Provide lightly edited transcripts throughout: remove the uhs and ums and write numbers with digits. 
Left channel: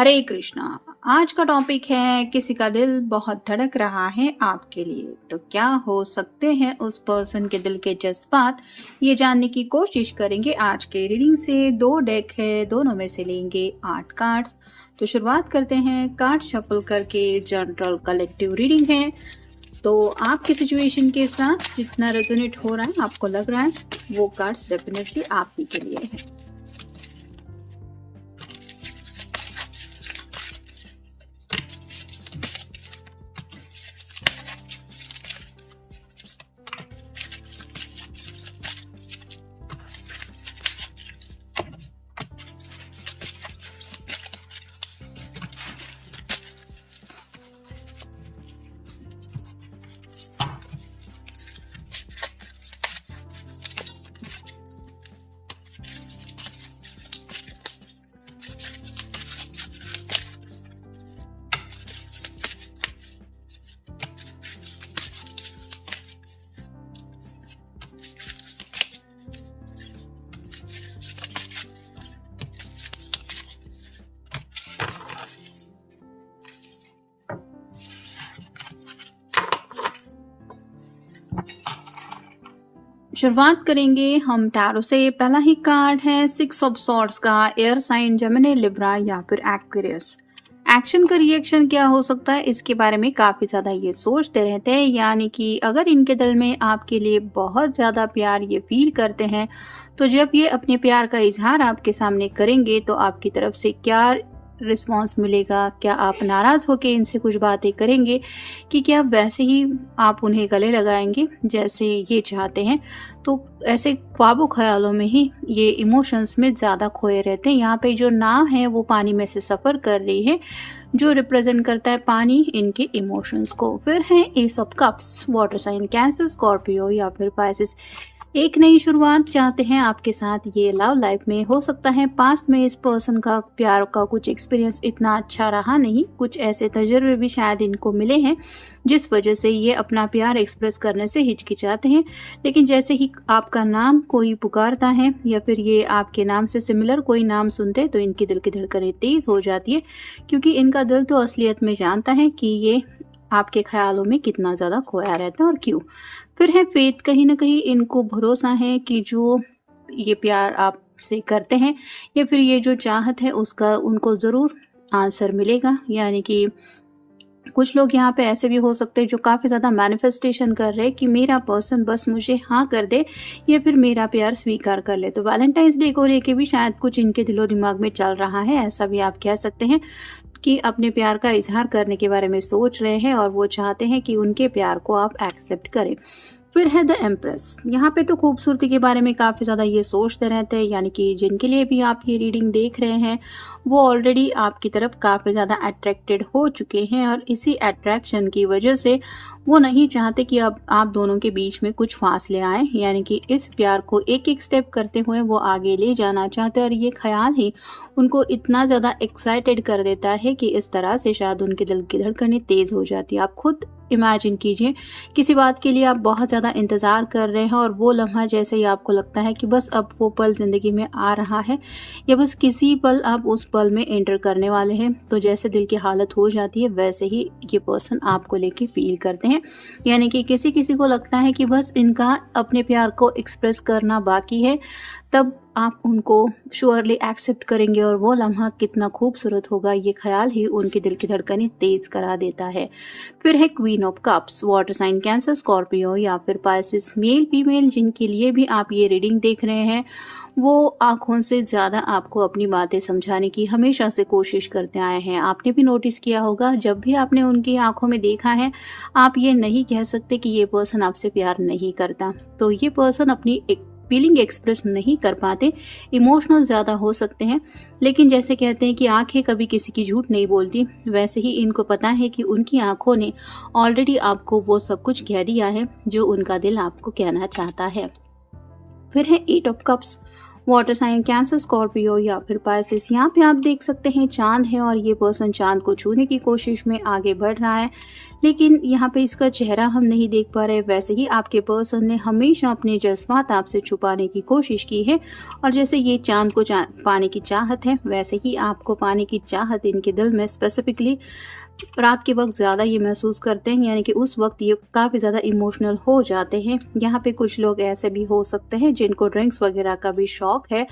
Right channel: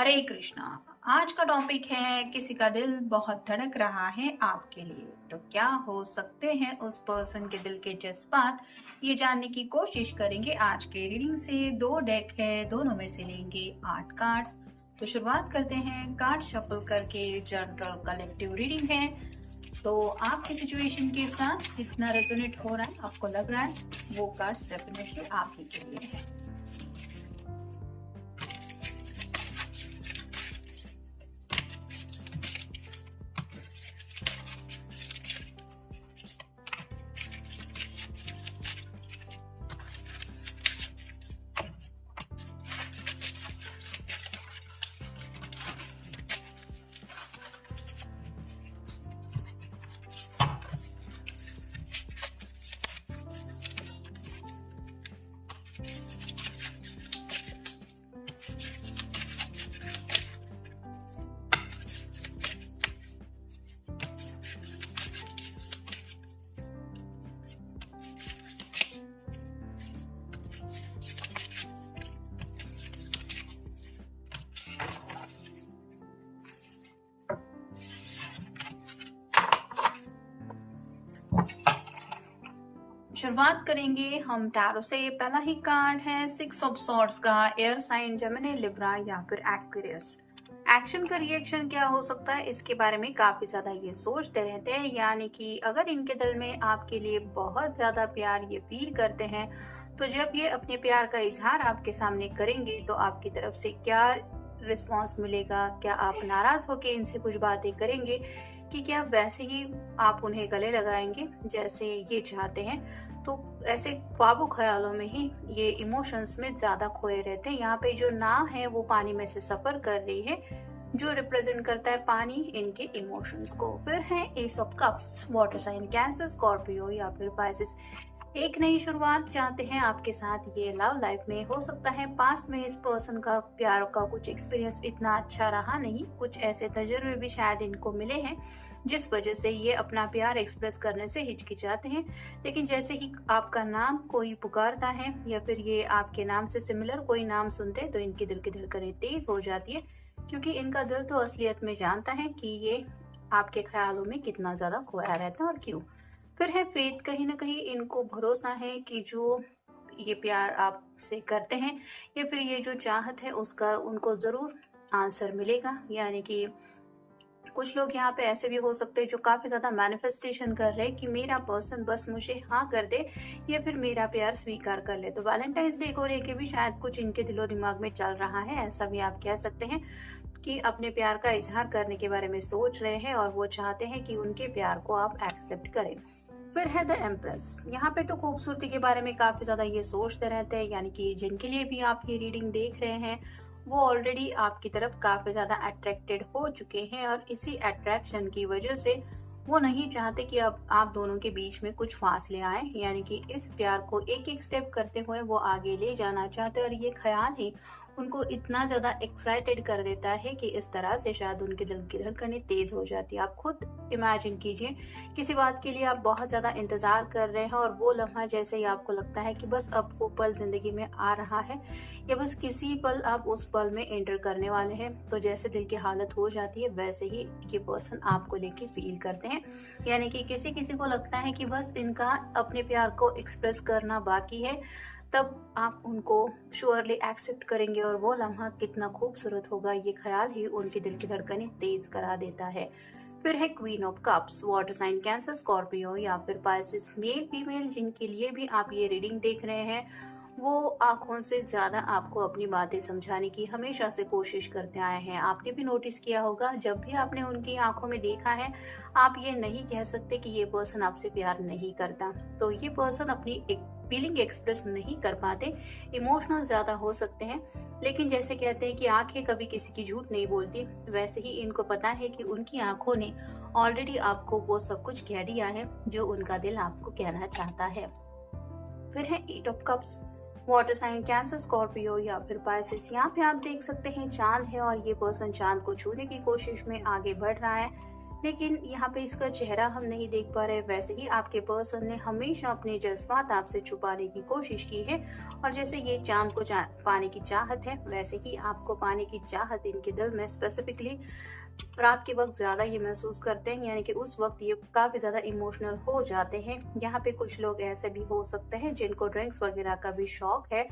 हरे कृष्णा। आज का टॉपिक है किसी का दिल बहुत धड़क रहा है आपके लिए, तो क्या हो सकते हैं उस पर्सन के दिल के जज्बात, ये जानने की कोशिश करेंगे आज के रीडिंग से। दो डेक है, दोनों में से लेंगे 8 कार्ड्स। तो शुरुआत करते हैं कार्ड शफल करके। जनरल कलेक्टिव रीडिंग है, तो आपकी सिचुएशन के साथ जितना रेजोनेट हो रहा है, आपको लग रहा है वो कार्ड्स डेफिनेटली आप ही के लिए है। शुरुआत करेंगे हम टैरो से। पहला ही कार्ड है 6 ऑफ सॉर्ड्स का। एयर साइन जेमिनी, लिब्रा या फिर एक्वेरियस। एक्शन का रिएक्शन क्या हो सकता है, इसके बारे में काफ़ी ज़्यादा ये सोचते रहते हैं। यानी कि अगर इनके दिल में आपके लिए बहुत ज़्यादा प्यार ये फील करते हैं, तो जब ये अपने प्यार का इजहार आपके सामने करेंगे तो आपकी तरफ से क्या रिस्पॉन्स मिलेगा। क्या आप नाराज़ होकर इनसे कुछ बातें करेंगे, कि क्या वैसे ही आप उन्हें गले लगाएंगे जैसे ये चाहते हैं। तो ऐसे ख्वाबों ख्यालों में ही ये इमोशंस में ज़्यादा खोए रहते हैं। यहाँ पे जो नाव है वो पानी में से सफ़र कर रही है, जो रिप्रेजेंट करता है पानी इनके इमोशंस को। फिर है ace of cups, water sign Cancer, Scorpio या फिर पाइसेस। एक नई शुरुआत चाहते हैं आपके साथ ये लव लाइफ में। हो सकता है पास्ट में इस पर्सन का प्यार का कुछ एक्सपीरियंस इतना अच्छा रहा नहीं, कुछ ऐसे तजुर्बे भी शायद इनको मिले हैं जिस वजह से ये अपना प्यार एक्सप्रेस करने से हिचकिचाते हैं। लेकिन जैसे ही आपका नाम कोई पुकारता है या फिर ये आपके नाम से सिमिलर कोई नाम सुनते तो इनकी दिल की धड़कनें तेज हो जाती है, क्योंकि इनका दिल तो असलियत में जानता है कि ये आपके ख्यालों में कितना ज़्यादा खोया रहता है और क्यों। फिर है फेथ, कहीं ना कहीं इनको भरोसा है कि जो ये प्यार आपसे करते हैं या फिर ये जो चाहत है उसका उनको ज़रूर आंसर मिलेगा। यानी कि कुछ लोग यहाँ पे ऐसे भी हो सकते हैं जो काफ़ी ज़्यादा मैनिफेस्टेशन कर रहे हैं कि मेरा पर्सन बस मुझे हाँ कर दे या फिर मेरा प्यार स्वीकार कर ले। तो वैलेंटाइंस डे को लेके भी शायद कुछ इनके दिलो दिमाग में चल रहा है, ऐसा भी आप कह सकते हैं कि अपने प्यार का इजहार करने के बारे में सोच रहे हैं और वो चाहते हैं कि उनके प्यार को आप एक्सेप्ट करें। फिर है द एम्प्रेस। यहाँ पे तो खूबसूरती के बारे में काफ़ी ज़्यादा ये सोचते रहते हैं। यानी कि जिनके लिए भी आप ये रीडिंग देख रहे हैं वो ऑलरेडी आपकी तरफ काफ़ी ज़्यादा अट्रैक्टेड हो चुके हैं, और इसी अट्रैक्शन की वजह से वो नहीं चाहते कि अब आप दोनों के बीच में कुछ फासले आए। यानी कि इस प्यार को एक एक स्टेप करते हुए वो आगे ले जाना चाहते हैं, और ये ख्याल ही उनको इतना ज़्यादा एक्साइटेड कर देता है कि इस तरह से शायद उनके दिल की धड़कनें तेज़ हो जाती है। आप खुद इमेजिन कीजिए, किसी बात के लिए आप बहुत ज़्यादा इंतज़ार कर रहे हैं और वो लम्हा जैसे ही आपको लगता है कि बस अब वो पल ज़िंदगी में आ रहा है या बस किसी पल आप उस पल में एंटर करने वाले हैं, तो जैसे दिल की हालत हो जाती है वैसे ही ये पर्सन आपको लेके फील करते हैं। यानी कि किसी किसी को लगता है कि बस इनका अपने प्यार को एक्सप्रेस करना बाकी है, तब आप उनको श्योरली एक्सेप्ट करेंगे और वो लम्हा कितना खूबसूरत होगा, ये ख्याल ही उनके दिल की धड़कनें तेज़ करा देता है। फिर है queen of cups, water sign Cancer, Scorpio या फिर पाइसेस। मेल फीमेल जिनके लिए भी आप ये रीडिंग देख रहे हैं वो आँखों से ज़्यादा आपको अपनी बातें समझाने की हमेशा से कोशिश करते आए हैं। आपने भी नोटिस किया होगा, जब भी आपने उनकी आँखों में देखा है आप ये नहीं कह सकते कि ये पर्सन आपसे प्यार नहीं करता। तो ये पर्सन अपनी एक फीलिंग एक्सप्रेस नहीं कर पाते, इमोशनल ज़्यादा हो सकते हैं। लेकिन जैसे कहते हैं कि आंखें कभी किसी की झूठ नहीं बोलती, वैसे ही इनको पता है कि उनकी आंखों ने ऑलरेडी आपको वो सब कुछ कह दिया है जो उनका दिल आपको कहना चाहता है। फिर है 8 of cups, water sign Cancer, Scorpio या फिर पाइसेस। यहाँ पे आप देख सकते हैं चांद है और ये पर्सन चांद को छूने की कोशिश में आगे बढ़ रहा है, लेकिन यहाँ पे इसका चेहरा हम नहीं देख पा रहे। वैसे ही आपके पर्सन ने हमेशा अपने जज्बात आपसे छुपाने की कोशिश की है, और जैसे ये चांद को पाने की चाहत है, वैसे ही आपको पाने की चाहत इनके दिल में स्पेसिफिकली रात के वक्त ज़्यादा ये महसूस करते हैं, यानी कि उस वक्त ये काफ़ी ज़्यादा इमोशनल हो जाते हैं। यहाँ पे कुछ लोग ऐसे भी हो सकते हैं जिनको ड्रिंक्स वगैरह का भी शौक है,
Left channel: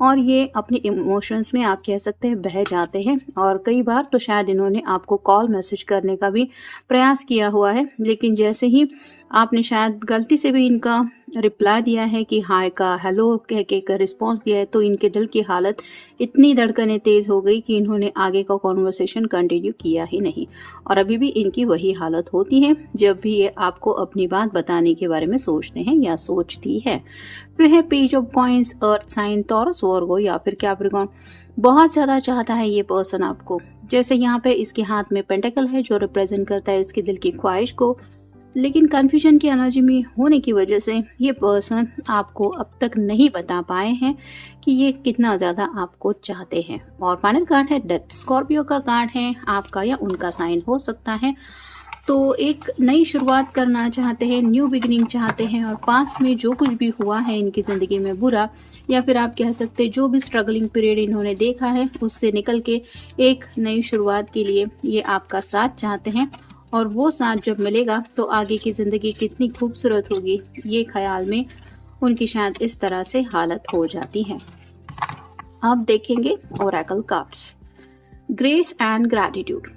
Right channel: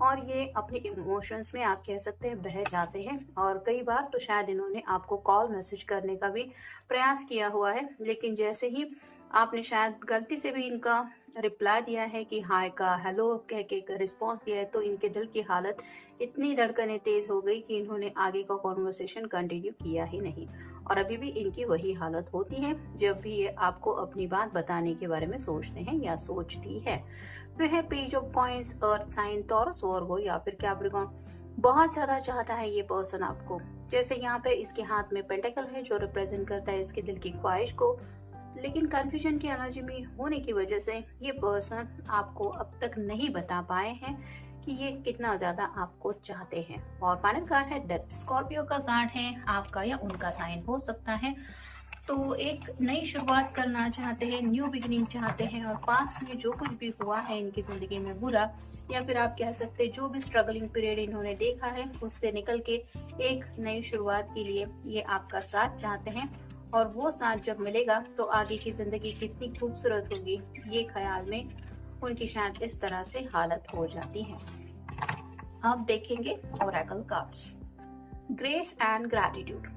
और ये अपने इमोशंस में आप कह सकते हैं बह जाते हैं। और कई बार तो शायद इन्होंने आपको कॉल मैसेज करने का भी प्रयास किया हुआ है, लेकिन जैसे ही आपने शायद गलती से भी इनका रिप्लाई दिया है कि हाय का हेलो कह के का रिस्पॉन्स दिया है, तो इनके दिल की हालत इतनी धड़कनें तेज़ हो गई कि इन्होंने आगे का कॉन्वर्सेशन कंटिन्यू किया ही नहीं। और अभी भी इनकी वही हालत होती है जब भी ये आपको अपनी बात बताने के बारे में सोचते हैं या सोचती है। फिर है page of coins, earth sign, Taurus, Virgo या फिर कैप्रिकॉर्न। बहुत ज़्यादा चाहता है ये पर्सन आपको। जैसे यहाँ पे इसके हाथ में पेंटिकल है जो रिप्रेजेंट करता है इसके दिल की ख्वाहिश को, लेकिन कन्फ्यूजन की एनर्जी में होने की वजह से ये पर्सन आपको अब तक नहीं बता पाए हैं कि ये कितना ज़्यादा आपको चाहते हैं। और फाइनल कार्ड है डेथ। स्कॉर्पियो का कार्ड है, आपका या उनका साइन हो सकता है। तो एक नई शुरुआत करना चाहते हैं, न्यू बिगिनिंग चाहते हैं, और पास्ट में जो कुछ भी हुआ है इनकी ज़िंदगी में बुरा, या फिर आप कह सकते हैं जो भी स्ट्रगलिंग पीरियड इन्होंने देखा है उससे निकल के एक नई शुरुआत के लिए ये आपका साथ चाहते हैं। और वो साथ जब मिलेगा तो आगे की ज़िंदगी कितनी खूबसूरत होगी, ये ख्याल में उनकी शायद इस तरह से हालत हो जाती है। आप देखेंगे Oracle cards. Grace and gratitude.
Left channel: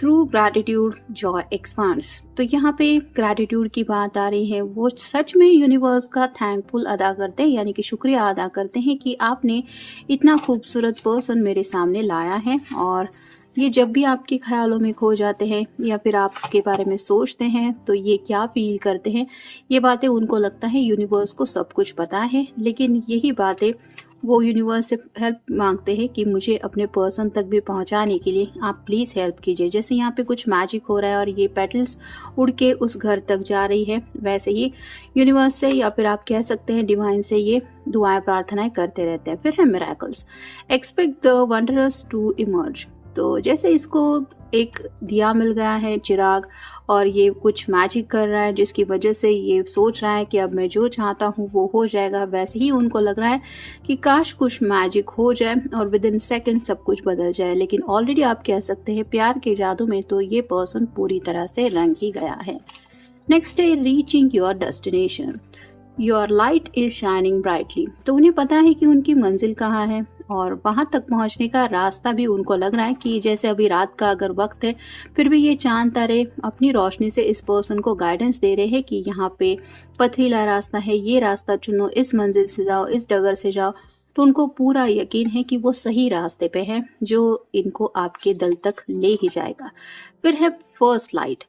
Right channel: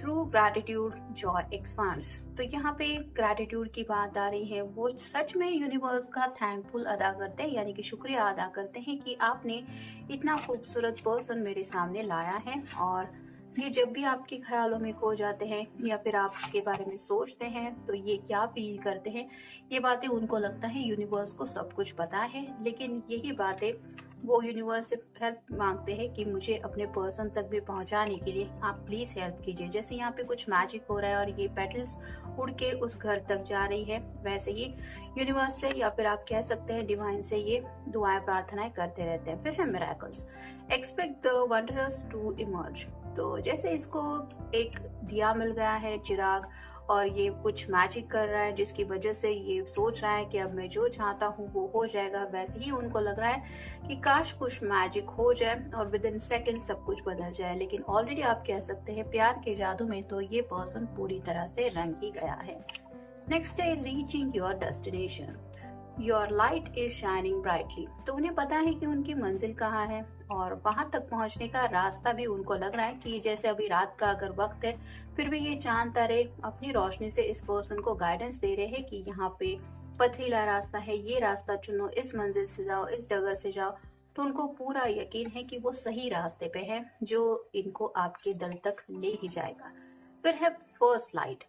Through gratitude Joy expands. तो यहाँ पे ग्रैटिट्यूड की बात आ रही है। वो सच में यूनिवर्स का थैंकफुल अदा करते हैं, यानी कि शुक्रिया अदा करते हैं कि आपने इतना खूबसूरत पर्सन मेरे सामने लाया है। और ये जब भी आपके ख्यालों में खो जाते हैं या फिर आपके बारे में सोचते हैं तो ये क्या फील करते हैं, ये बातें उनको लगता है यूनिवर्स को सब कुछ पता है, लेकिन यही बातें वो यूनिवर्स से हेल्प मांगते हैं कि मुझे अपने पर्सन तक भी पहुंचाने के लिए आप प्लीज़ हेल्प कीजिए। जैसे यहाँ पे कुछ मैजिक हो रहा है और ये पेटल्स उड़ के उस घर तक जा रही है, वैसे ही यूनिवर्स से या फिर आप कह सकते हैं डिवाइन से ये दुआएं प्रार्थनाएं करते रहते हैं। फिर है miracles. Expect the wondrous to emerge. तो जैसे इसको एक दिया मिल गया है, चिराग, और ये कुछ मैजिक कर रहा है जिसकी वजह से ये सोच रहा है कि अब मैं जो चाहता हूँ वो हो जाएगा। वैसे ही उनको लग रहा है कि काश कुछ मैजिक हो जाए और विद इन सेकेंड सब कुछ बदल जाए, लेकिन ऑलरेडी आप कह सकते हैं प्यार के जादू में तो ये पर्सन पूरी तरह से रंग ही गया है। नेक्स्ट है reaching your destination. Your light is shining brightly. तो उन्हें पता है कि उनकी मंजिल कहाँ है और वहाँ तक पहुँचने का रास्ता भी उनको लग रहा है कि जैसे अभी रात का अगर वक्त है फिर भी ये चांद तारे अपनी रोशनी से इस पर्सन को गाइडेंस दे रहे हैं कि यहाँ पे पथरीला रास्ता है, ये रास्ता चुनो, इस मंजिल से जाओ, इस डगर से जाओ। तो उनको पूरा यकीन है कि वो सही रास्ते पे है जो इनको आपके दिल तक ले ही जाएगा। फिर है first light.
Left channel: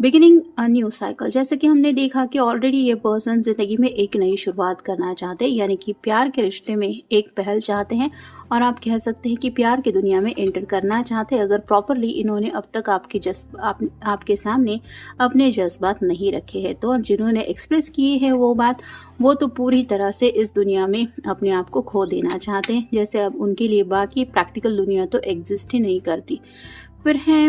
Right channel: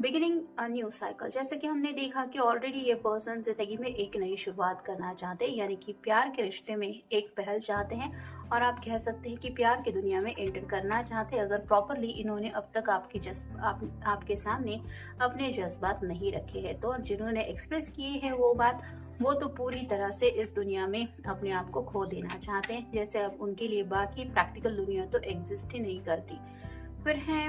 Beginning a new cycle. जैसे कि हमने देखा कि ऑलरेडी ये पर्सन जिंदगी में एक नई शुरुआत करना चाहते हैं, यानी कि प्यार के रिश्ते में एक पहल चाहते हैं, और आप कह सकते हैं कि प्यार की दुनिया में एंटर करना चाहते हैं अगर प्रॉपरली इन्होंने अब तक आपके सामने अपने जज्बात नहीं रखे हैं। तो जिन्होंने एक्सप्रेस किए हैं वो तो पूरी तरह से इस दुनिया में अपने आप को खो देना चाहते हैं, जैसे अब उनके लिए बाकी प्रैक्टिकल दुनिया तो एग्जिस्ट ही नहीं करती। फिर है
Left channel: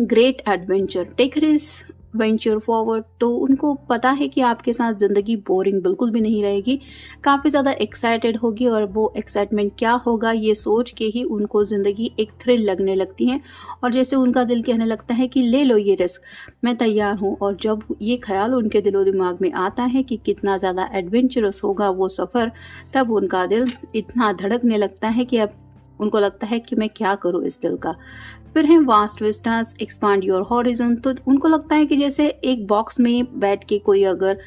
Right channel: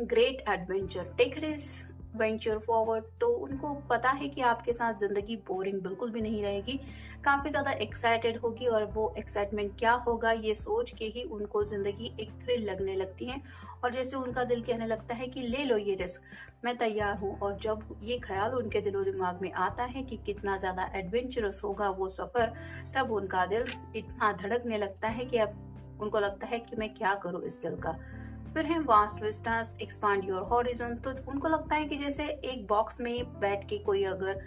great adventure. Take risk, venture forward. तो उनको पता है कि आपके साथ ज़िंदगी बोरिंग बिल्कुल भी नहीं रहेगी, काफ़ी ज़्यादा एक्साइटेड होगी, और वो एक्साइटमेंट क्या होगा ये सोच के ही उनको ज़िंदगी एक थ्रिल लगने लगती है, और जैसे उनका दिल कहने लगता है कि ले लो ये रिस्क, मैं तैयार हूँ। और जब ये ख्याल उनके दिलो दिमाग में आता है कि कितना ज़्यादा एडवेंचरस होगा वो सफ़र, तब उनका दिल इतना धड़कने लगता है कि अब उनको लगता है कि मैं क्या करूँ इस दिल का। फिर है vast Vistas, expand your horizon. तो उनको लगता है कि जैसे एक बॉक्स में बैठ के कोई अगर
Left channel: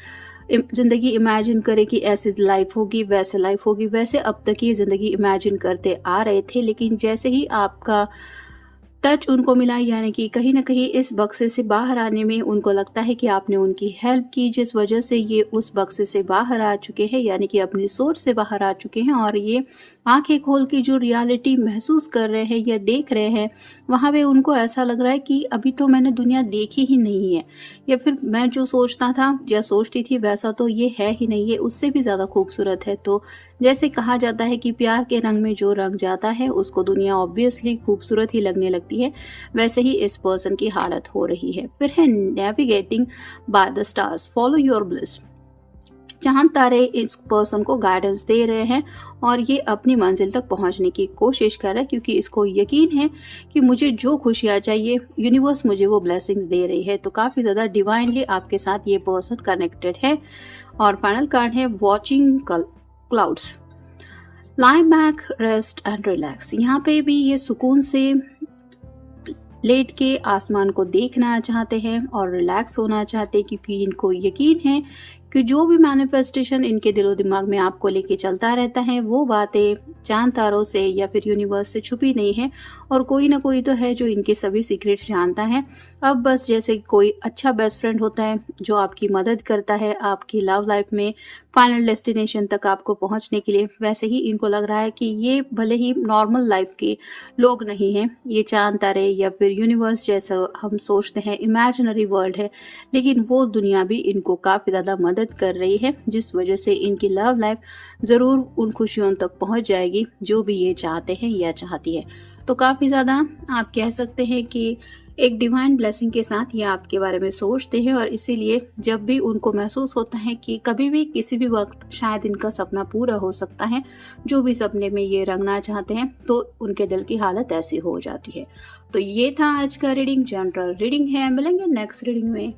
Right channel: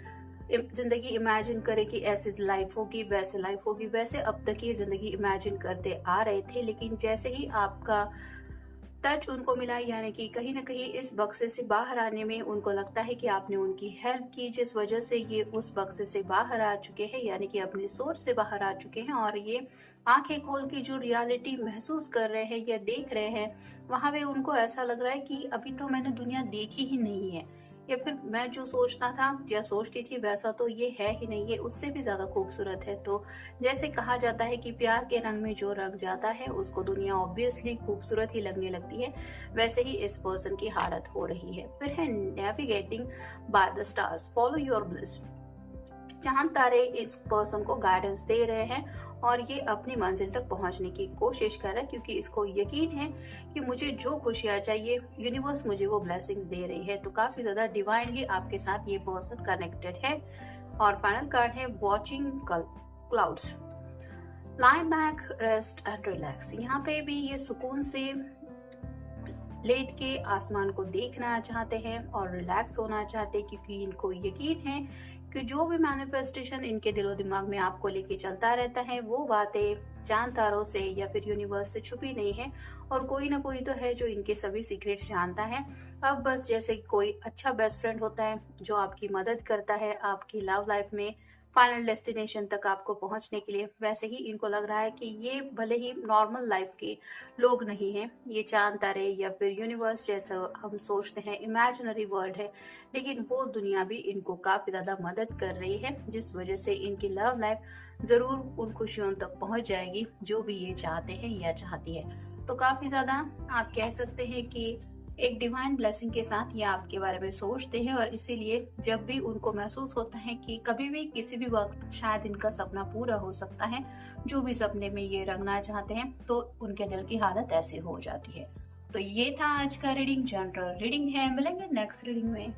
ज़िंदगी इमेजिन करे कि ऐसी लाइफ होगी, वैसे लाइफ होगी, वैसे अब तक ये ज़िंदगी इमेजिन करते आ रहे थे, लेकिन जैसे ही आपका टच उनको मिला, यानी कि कहीं ना कहीं इस बक्से से बाहर आने में उनको लगता है कि आपने उनकी हेल्प की, जिस वजह से ये उस बक्से से बाहर आ चुके हैं, यानी कि अपनी सोच से बाहर आ चुके हैं, और ये आंखें खोल के जो रियलिटी महसूस कर रहे हैं या देख रहे हैं, वहाँ पे उनको ऐसा लग रहा है कि अभी तो मैंने दुनिया देखी ही नहीं है, या फिर मैं जो सोचता था या सोचती थी वैसा तो ये है ही नहीं, ये उससे भी ज़्यादा खूबसूरत है। तो जैसे कहा जाता है कि प्यार के रंग में जो रंग जाता है उसको दुनिया ऑब्वियसली खूबसूरत ही लगने लगती है, वैसे ही इस पर्सन की हालत हो रही है। फिर है navigating by the stars, follow your bliss. चांद तारे इस पर्सन को गाइडेंस दे रहे हैं और ये अपनी मंजिल तक पहुंचने की कोशिश कर रहा है, क्योंकि इसको यकीन है कि मुझे जो खुशियाँ चाहिए यूनिवर्स मुझे वो ब्लेसिंग्स दे रही है। तो काफ़ी ज़्यादा डिवाइनली आपके साथ ये पर्सन कनेक्टेड है। और फाइनल कार्ड है watching clouds, lie back, rest and relax. यहाँ पे भी ये सुकून से लेट के आसमान को देखना चाहते हैं और रिलैक्स होना चाहते हैं, क्योंकि इनको यकीन है कि जो भी मैनिफेस्टेशन इनके दिलो दिमाग में आपको लेके चलता रहता है वो बातें चांद तारों से या फिर यूनिवर्स से छुपी नहीं है, और कोई ना कोई तो है जो इनके सभी सीक्रेट्स जानता है। अब बस जैसे कोई अच्छा बेस्ट फ्रेंड होता है जो आपकी मदद करता है आपकी लव लाइफ में फाइनल डेस्टिनेशन तक आपको पहुंचने के लिए, वैसे ही इनको लग रहा है कि ये भले ही नॉर्मल लाइफ के लोग नहीं हैं, ये चांद तारे या फिर यूनिवर्स जैसा हम सोचते हैं इमेजिनरी वर्ल्ड है, लेकिन वो दुनिया भी इनको काफ़ी ज़्यादा मदद कर रही है, जिस वजह से इनकी लव लाइफ ज़रूर उन खुशियों तक पहुंच जाएगी जो भी ये चाहते हैं या चाहती है। तो काफ़ी ज़्यादा आप कह सकते हैं कि एक डिवाइन ब्लेसिंग के साथ ये आपके बारे में सोचते हैं, और इसीलिए जब भी उनको महसूस होता है कि कभी भी किसी भी वक्त शायद इनका सपना पूरा हो सकता है, जो भी सपने में ये रंगना चाहते हैं, तो उनके दिल की हालत ऐसी हो जाती है। तो ये था आज का रीडिंग, जनरल रीडिंग है। मिलेंगे नेक्स्ट रीडिंग में।